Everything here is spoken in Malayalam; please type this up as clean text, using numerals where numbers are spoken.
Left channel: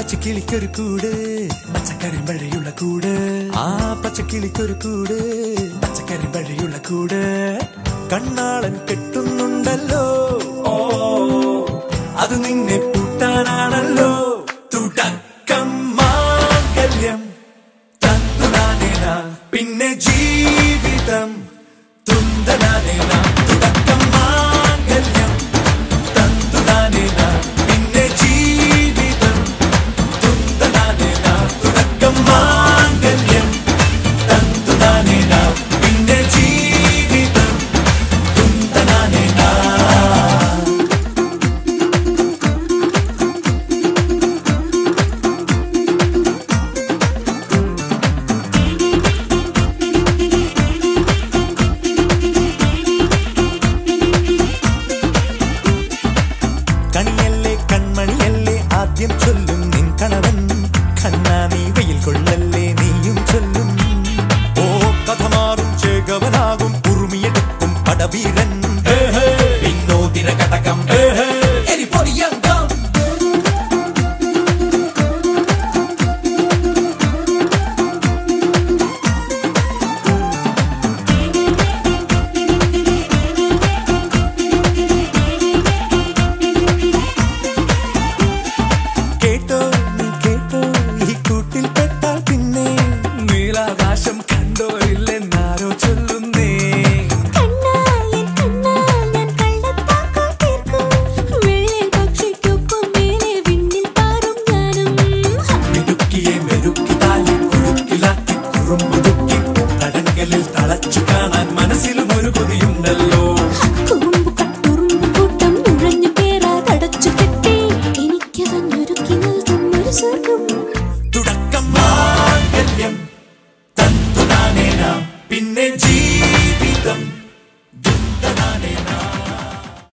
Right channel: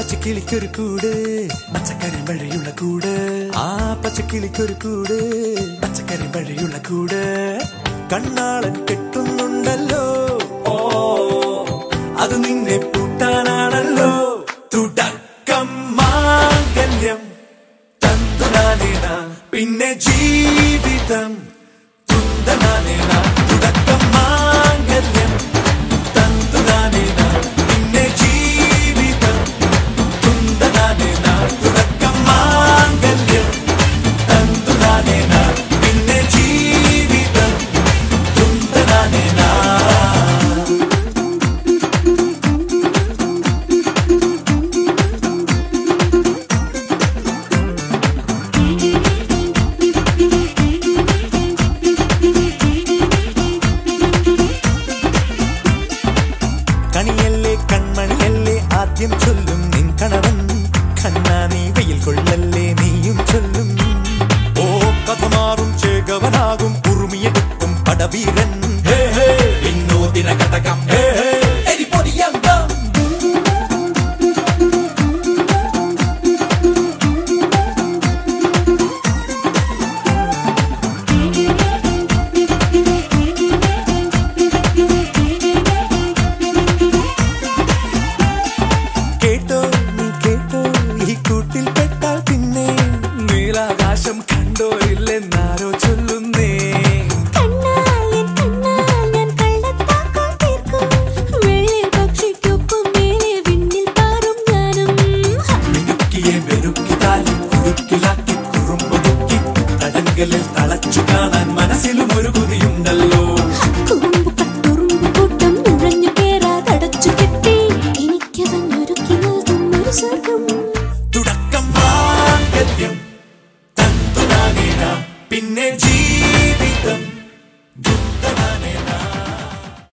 പച്ചക്കിളിക്കൊരു കൂട് പച്ചക്കരിമ്പഴയുള്ള കൂട് ആ പച്ചക്കിളിക്കൊരു കൂട് പച്ചക്കരിമ്പഴയുള്ള കൂട് കണ്ണാളൻ കെട്ടുന്നുണ്ടല്ലോ അത് നിന്നെ പൂട്ടാനാണല്ലോ തുടക്കം മാംഗല്യം തന്തുനാനേന പിന്നെ ജീവിതം തുന്തനാനേന തുടക്കം മാംഗല്യം തന്തുനാനേന പിന്നെ ജീവിതം തുന്തനാനേന തുടക്കം മാംഗല്യം തന്തുനാനേന പിന്നെ ജീവിതം തുന്തനാനേന കണിയല്ലേ കൺമണിയല്ലേ ആദ്യം ചൊല്ലും നിൻ കണവൻ കണ്ണാ നീ വെയിൽ കൊള്ളല്ലേ നീയും ചൊല്ലും ഓ കഥ മാറും ചേകവനാകും ഉറുമിയെടുക്കും പടവീരൻ വിനോദിന കടകം കേട്ടോ നീ കേട്ടോ ഈ കൂട്ടിൽ പെട്ടാൽ പിന്നെ നീലാകാശം കണ്ടോ ഇല്ലെന്നാരോ ചൊല്ലുന്നേ മിടുക്കിയെ മെരുക്കി താലി കുടുക്കിലാക്കി കുറുമ്പുതുക്കി തടങ്കലിൽ തളച്ചു കാണാൻ മനസ്സിലും ഒരു കൊതിയുണ്ടല്ലോ കൂട്ടം നുഴഞ്ഞു കേറാതടച്ചു കെട്ടി എനിക്ക് തന്നൊരുക്കി നൽകുന്നൊരു സ്വർഗം